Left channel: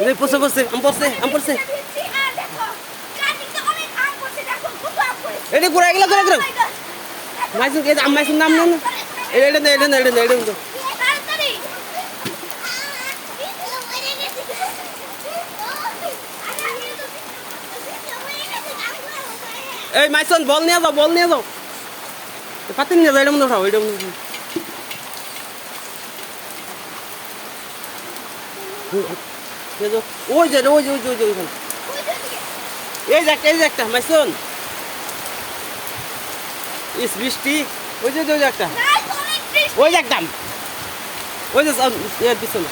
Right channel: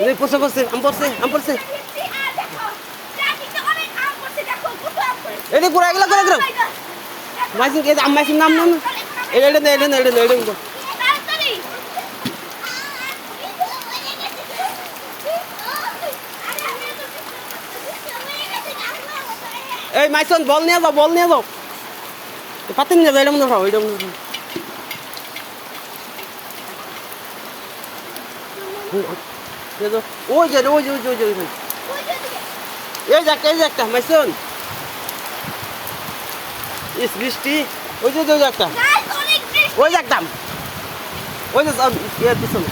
এই পড়ছে পড়ছে আম পড়ছে এটা ঘুরা গেল ঘুরা ঘুরা মাইসুন এই আম মাইসুন নাম না এটা এই মাইসুন বল নিয়ে যাও পাতি নিয়ে যাও এটা মনে হয় ওই যে ওইখানে এই যে একটা মাইসুন ইস বৃষ্টি ওই যে একটা ওই যে একদম ওই যে পিছনে